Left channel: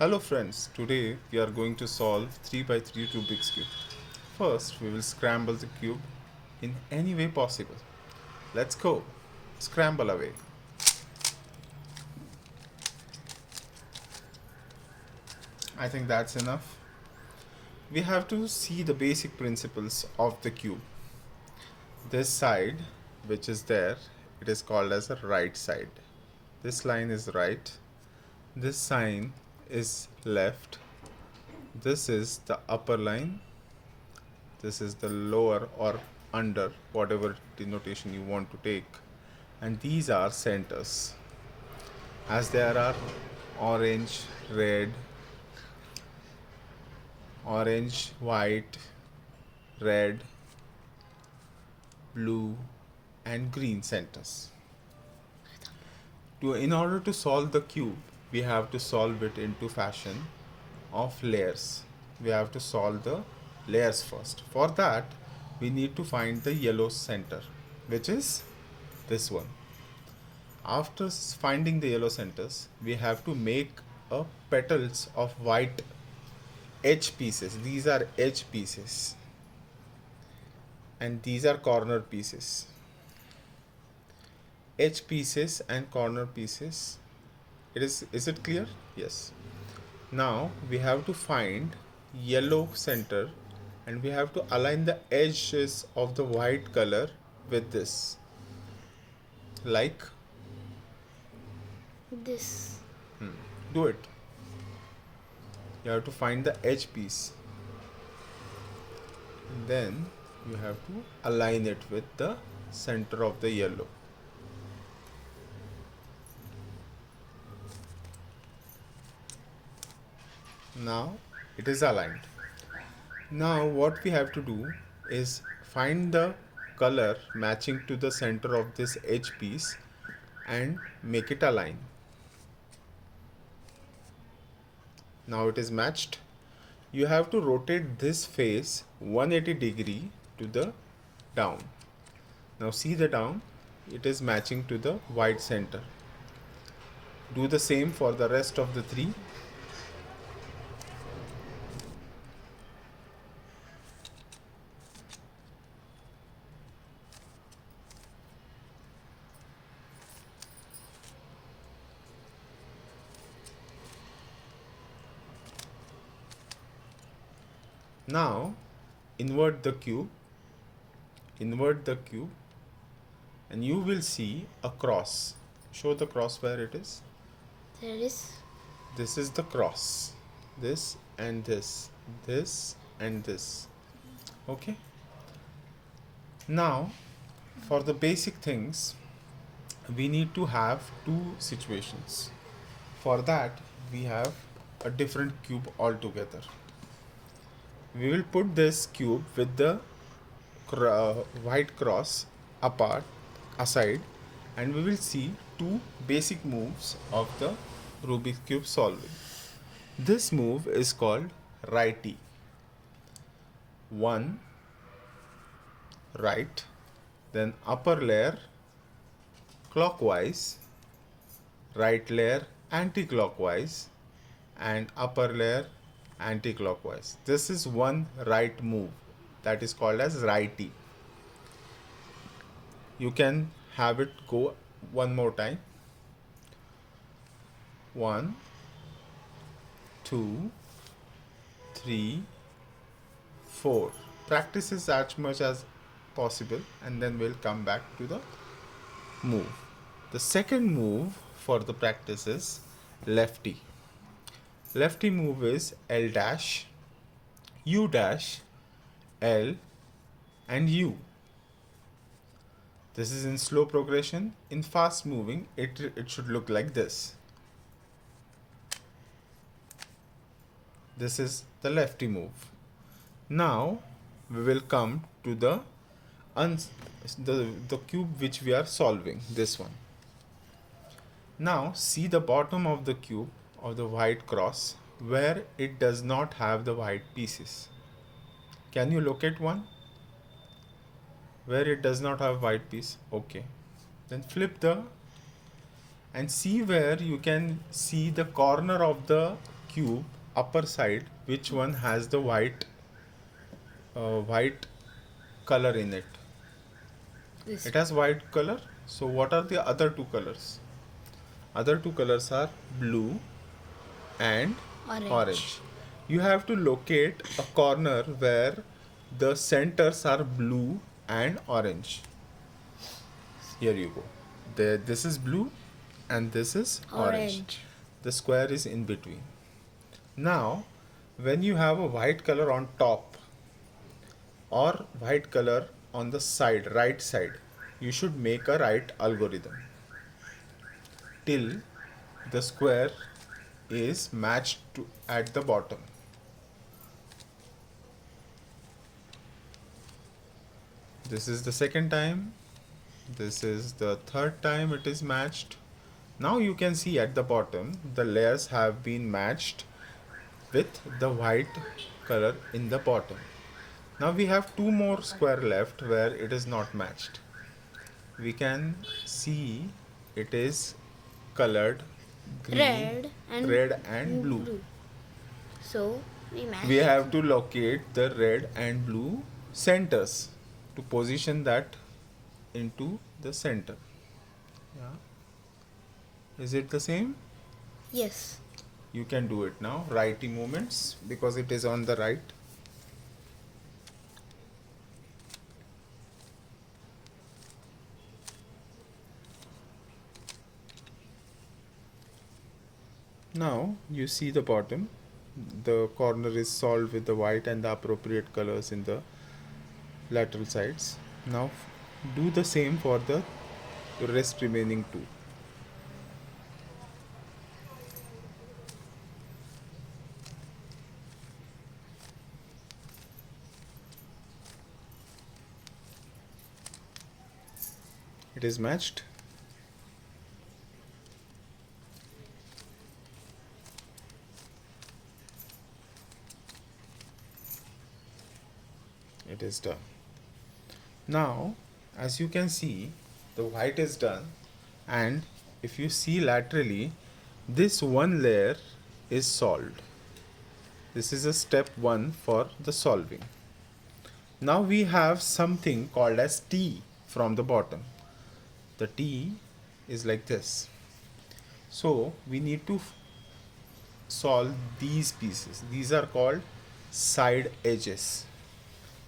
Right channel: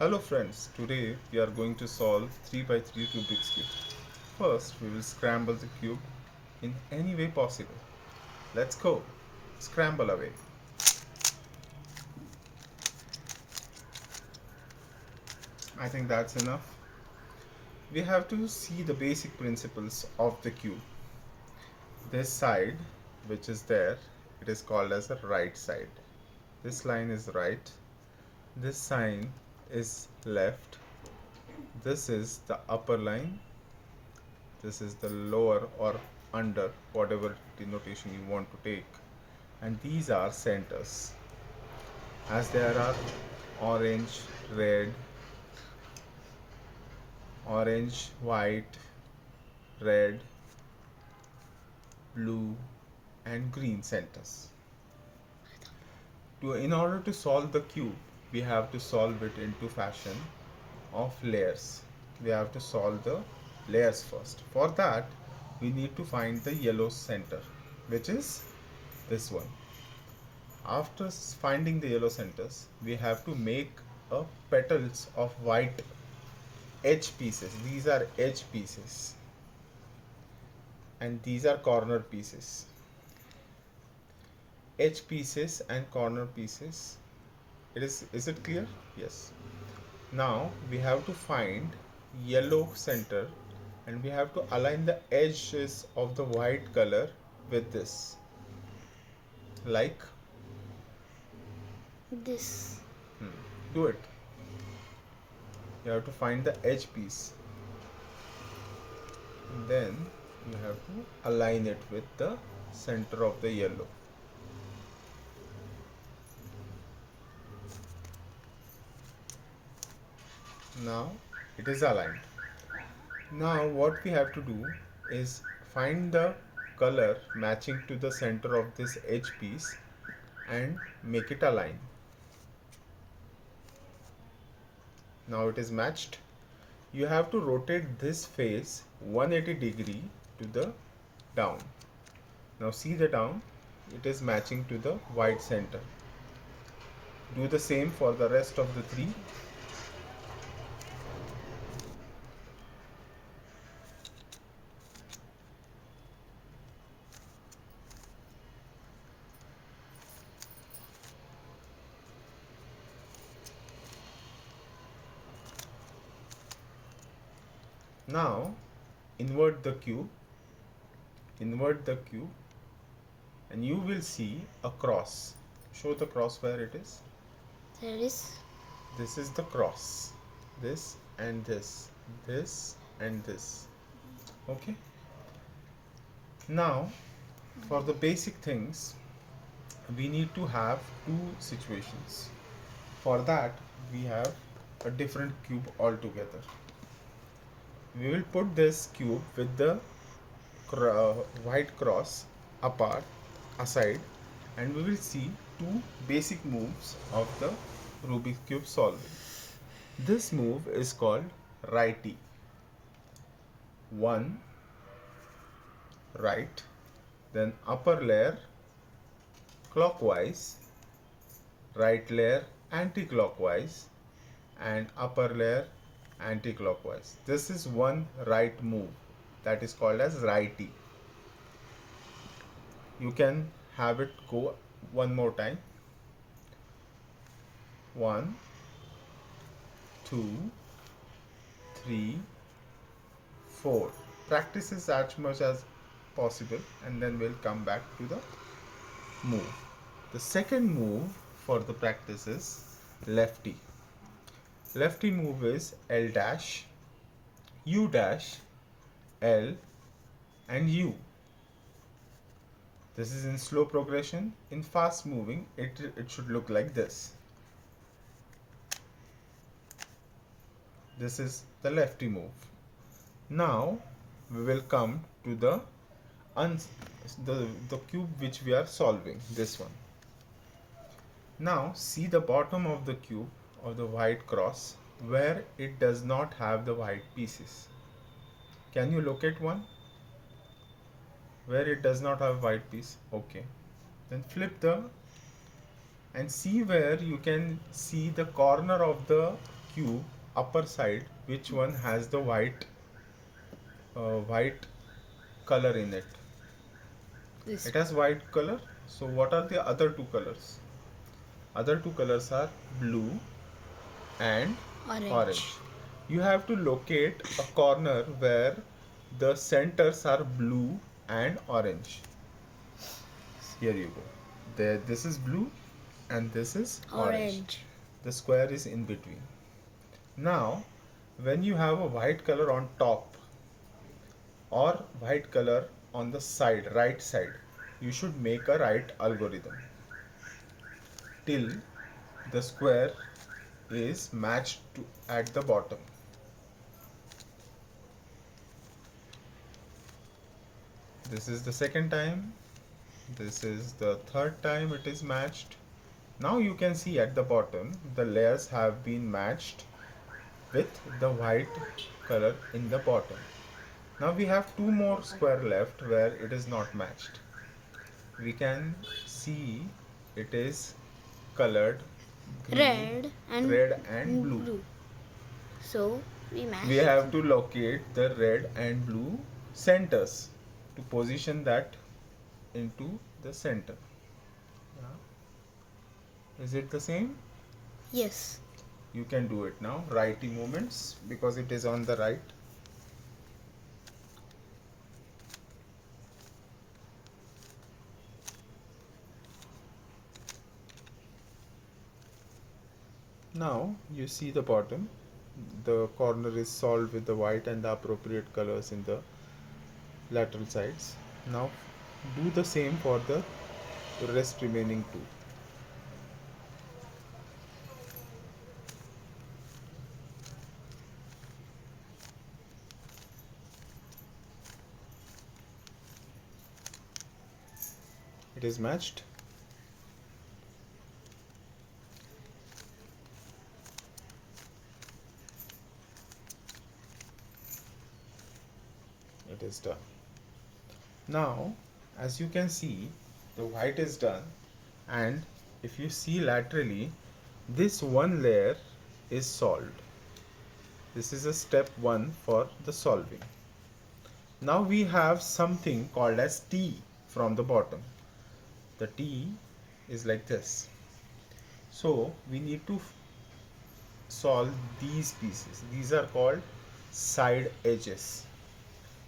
Hello friends, today we are going to solve 3 by 3 Rubik's Cube. First, we will scramble the cube in any way possible. Let's go. Scramble away. I think that's enough. We have to see the basic principles of the cube. This side, which is there, it is called as a right side. This line is right. This sign is left. This is the upper line. This is the lower or under, whatever denotation you want to take, and these are centers. As there are orange, red, orange, white, red, blue, and green centers. In order to solve the cube, we have to solve it into fashion of layers. We have to solve the layers first. For that, we need to find the yellow center, which is this one. After finding the yellow centers, we have to make a petals of white edge pieces. These are edge pieces, and these are corner pieces. Edge pieces and corner pieces. Is it clear? Yes. Now we have to find yellow center, and we have to align the edges of the white color with this, like This. do it. You have to find the edge piece, and then you have to align it with the center of the yellow. Now it is aligned. Now what we have to do is find the color matching to the center of this edge piece and make it align. Now it is matched. You have to rotate this face 180-degree to the down. Now see the down, it is matching to the white center. Do the same for the rest of the three. Now invert the cube, and you will see a cross. Show the cross where it is. There is. This is the cross. This and this and this. Okay. Now for the basic things, we need to have two situations. For that, we have a different cube altogether. We will put this cube with the white cross apart, aside, and we will see two basic moves of the Rubik's cube solving. This move is called righty. One right, then upper layer clockwise, right layer anti-clockwise, and upper layer anti-clockwise. This is one right move that is called as righty. You can have it go one more time. 1, 2, 3, 4. Practice is as much as possible, and then we'll come back to the move. The second move for the practice is lefty. Lefty move is L dash, U dash, L, and U. This is in slow progression. In fast moving, it should look like this. This is the lefty move. Now we will come to the cube which we are solving, this one. Now see the bottom of the cube of the white cross where it does not have the white pieces. Can you locate one where it does not have white piece? Okay, then flip and see where you can see the corner of the cube upper side, which one has the white color in it? This. It has white color. So what are the other two colors? Other two colors are blue and Orange. orange. You have to locate a corner where the centers are blue and orange. Here you go. There, this is blue and this is orange. Orange. The square is in between. Now, when you have a white color on top or white color on the side, right side, you should make a right algorithm till the square is matched to at the bottom. This is the second time. This is the third time it is matched. Now you can see at the bottom the layers have been matched with the white color in the bottom. Now we have two more square left where it is not matched. We can see it is colored green, red and blue. So we match. We have to locate the red and blue centers to position that into the center. Yeah. Is it the same? Yes. You can do it now. Righty movements because it is on the right. Now you see the bottom. The corner is solved with the white and the appropriate colors in the lateral sides. Now do the same for the rest remaining two. It is matched. It is done. Now, as you can see, the white is done, and if you see laterally, this one layer is solved. This is a step 1 for the solving. Now we have something called as T from the bottom. The T is like this. So we need to solve these pieces. These are called side edges.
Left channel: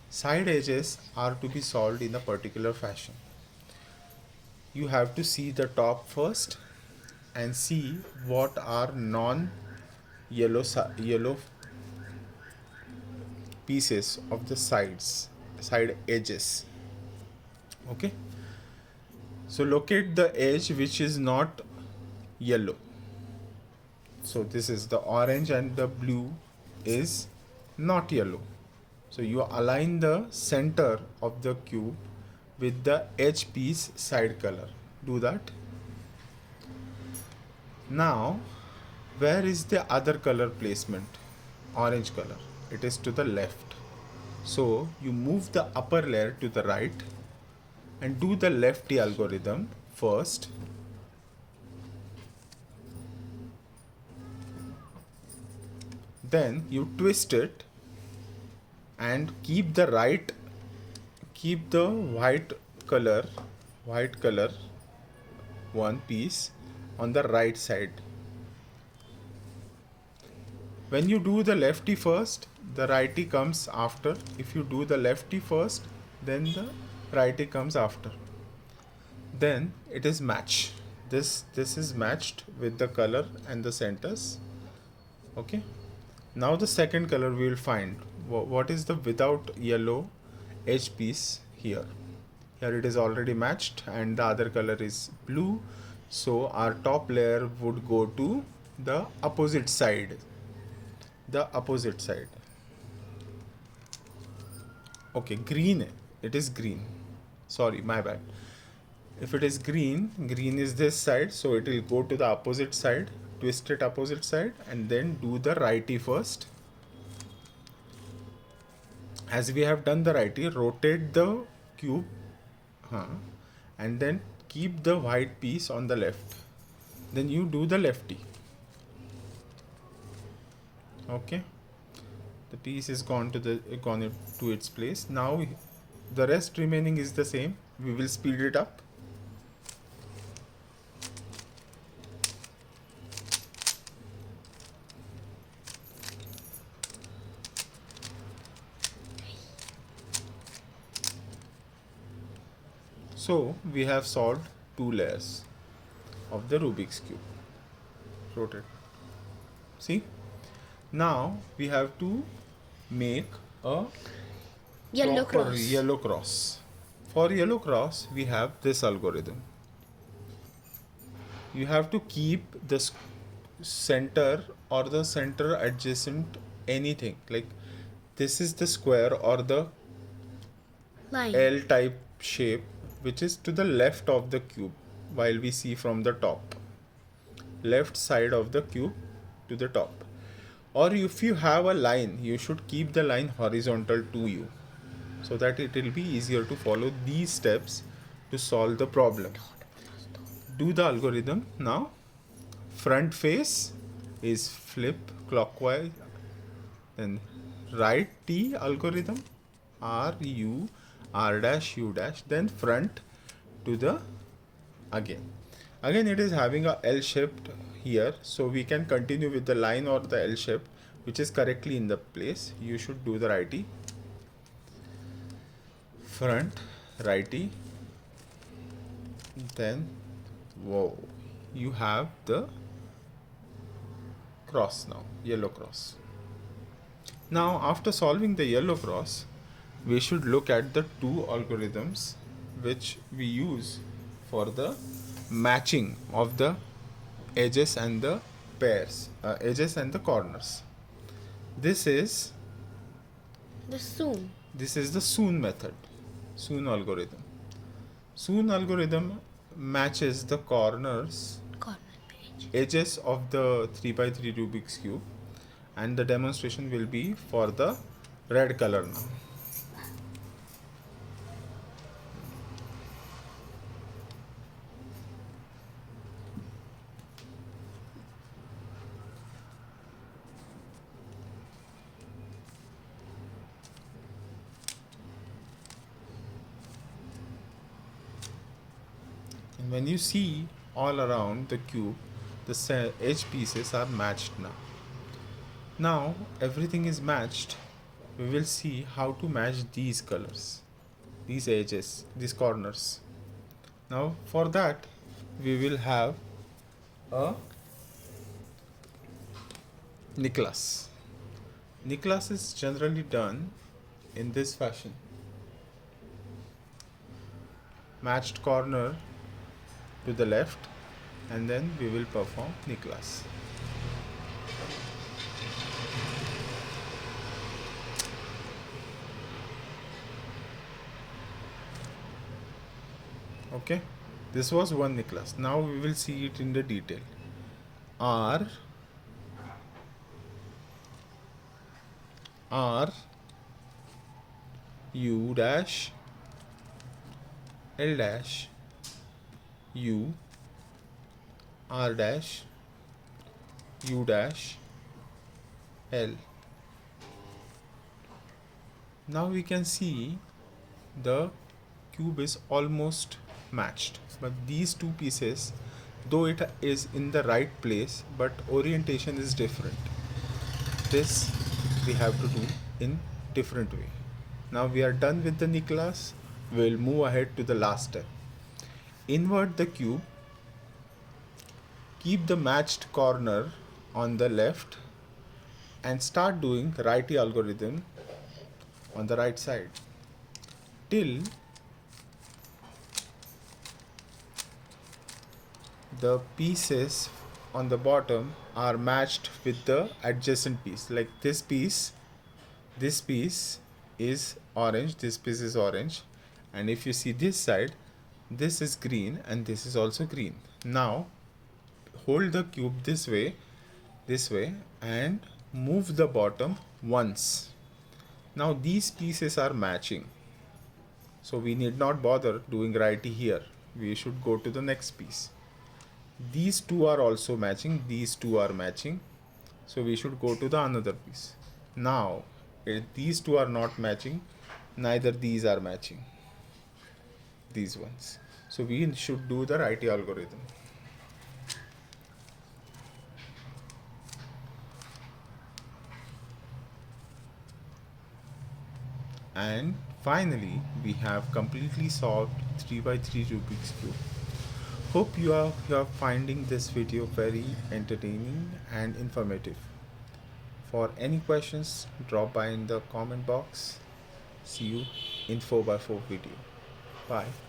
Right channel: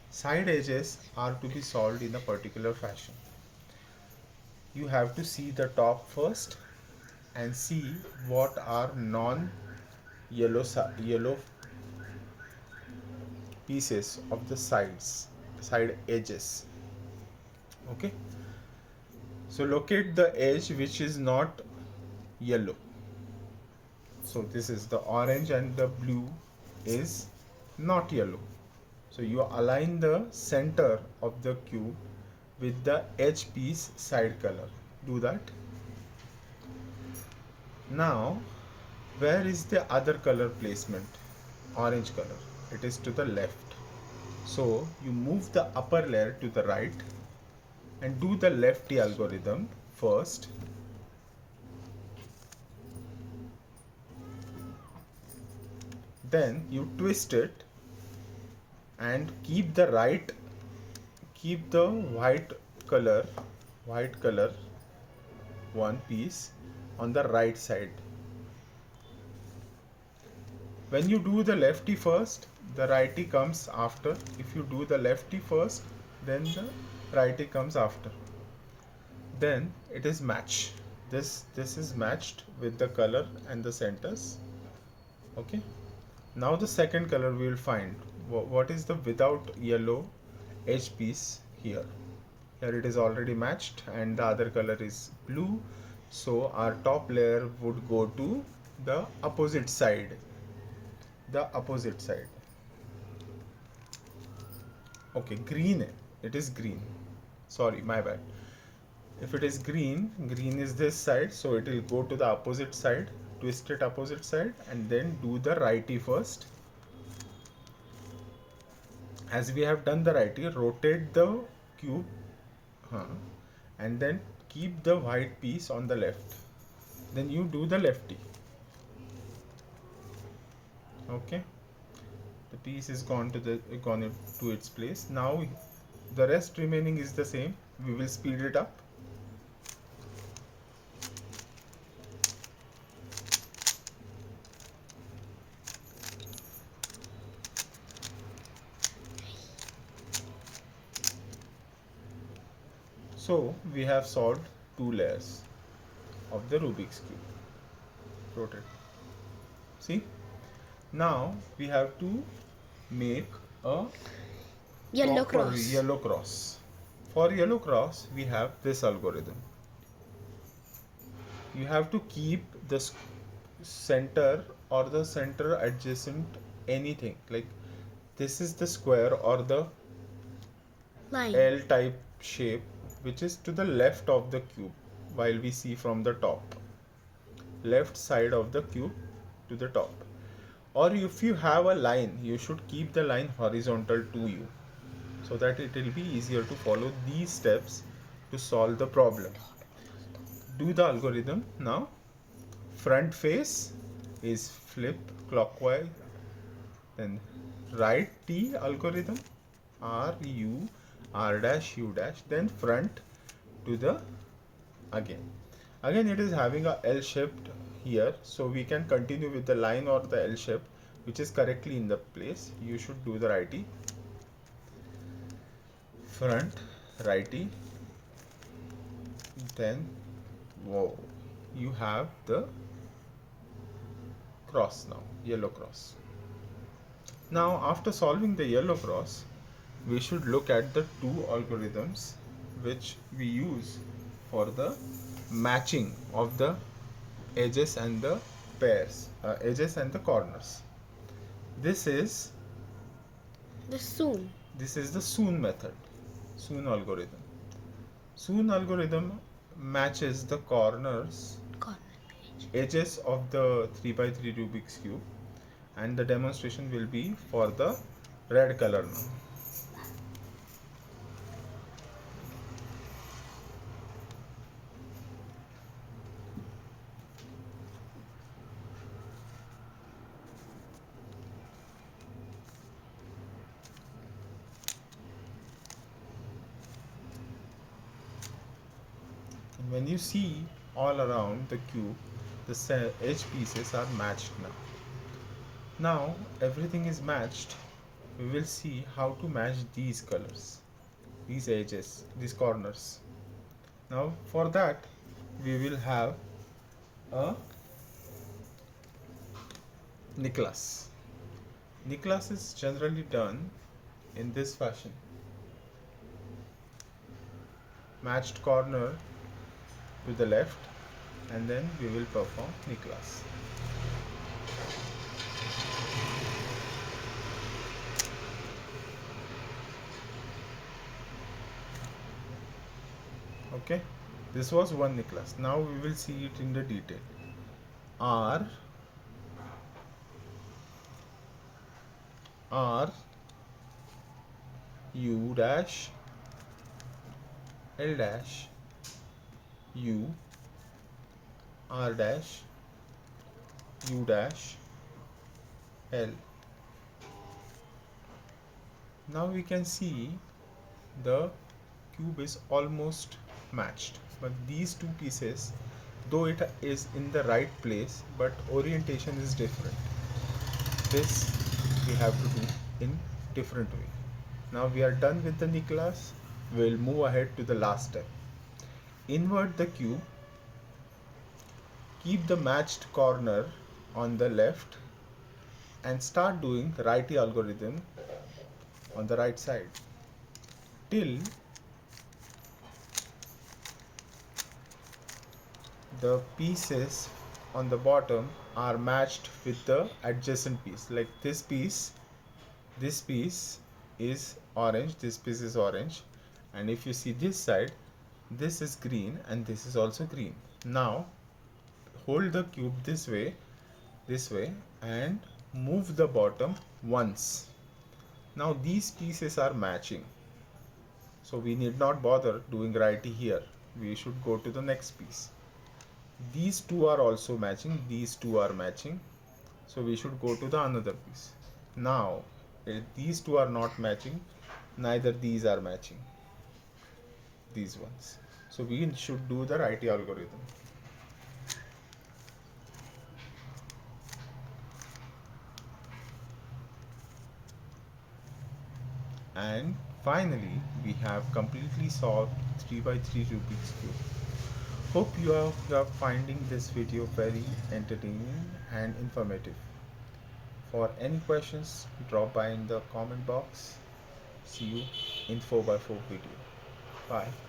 Side edges are to be solved in a particular fashion. You have to see the top first and see what are non-yellow yellow pieces of the side edges. Okay. So locate the edge which is not yellow. So this is the orange and the blue is not yellow. So you align the center of the cube with the edge piece side color. Do that. Now, where is the other color placement? Orange color. It is to the left. So you move the upper layer to the right and do the lefty algorithm first. Then you twist it and keep the white color one piece on the right side. When you do the lefty first, the righty comes after. If you do the lefty first, then the righty comes after. Then it is match. This is matched with the color and the centers. Okay. Now the second color we will find. What is the without yellow edge piece here? Here it is already matched and the other color is blue. So our top layer would go to the opposite side. The opposite side. Okay, green. It is green. Sorry, my bad. If it is green, green is this side, so it will go to the opposite side, twist it opposite side, and then do the righty first. As we have done the righty, rotate the cube and then keep the white piece on the left. Then you do the lefty. Okay, the piece is gone to its place. Now the rest remaining is the same. We will speed it up. So we have solved two layers of the Rubik's cube. Rotate. See? Now we have to make a Yellow proper cross. yellow cross. For yellow cross, we have this algorithm. You have to keep the center or the center adjacent anything. Like this is the square or the Line. L type shape which is to the left of the cube while we see from the top. Left side of the cube to the top. Or if you have a line, you should keep the line horizontal to you so that it will be easier to follow these steps to solve the problem. Do the algorithm now. Front face is flip clockwise, then right T algorithm R U R dash U dash, then front to the again it is having a L shaped here, so we can continue with the line or the L shape which is correctly in the place. You should do the righty, front righty, then whoa, you have the cross now, yellow cross. Now after solving the yellow cross, we should look at the two algorithms which we use for the matching of the edges and the edges and the corners. This is The soon. this is the soon method, soon algorithm. Soon algorithm matches the corners Corner. edges of the 3 by 3 Rubik's cube, and the demonstration will be for the red color now. And when you see all around the cube, the edge pieces are matched now. Now everything is matched. We will see how to match these colors, these edges, these corners. Now for that, we will have a Nicholas. Nicholas is generally done in this fashion. Matched corner to the left, and then we will perform Nicholas. Okay, this was one Nicholas. Now we will see it in the detail. R R U dash L dash U R dash U dash L. Now we can see the cube is almost matched, but these two pieces, though it is in the right place, but orientation is different. This we have to do in different way. Now we are done with the Nicholas. We will move ahead to the last step. Invert the cube, keep the matched corner on the left, and start doing righty algorithm on the right side till the pieces on the bottom are matched with the adjacent piece. Like this piece is orange, this piece is orange, and if you see this side, this is green and this is also green. Now hold the cube this way, and move the bottom once. Now these pieces are matching, so we need not bother doing righty here. We should go to the next piece. These two are also matching, these two are matching. So we should go to the another piece. Now, these two are not matching, neither these are matching, these ones. So we should do the righty algorithm. And finally, we have completely solved 3 by 3 Rubik's Cube. Hope you are finding this video very entertaining and informative. For any questions, drop by in the comment box. See you in 4 by 4 video. Bye.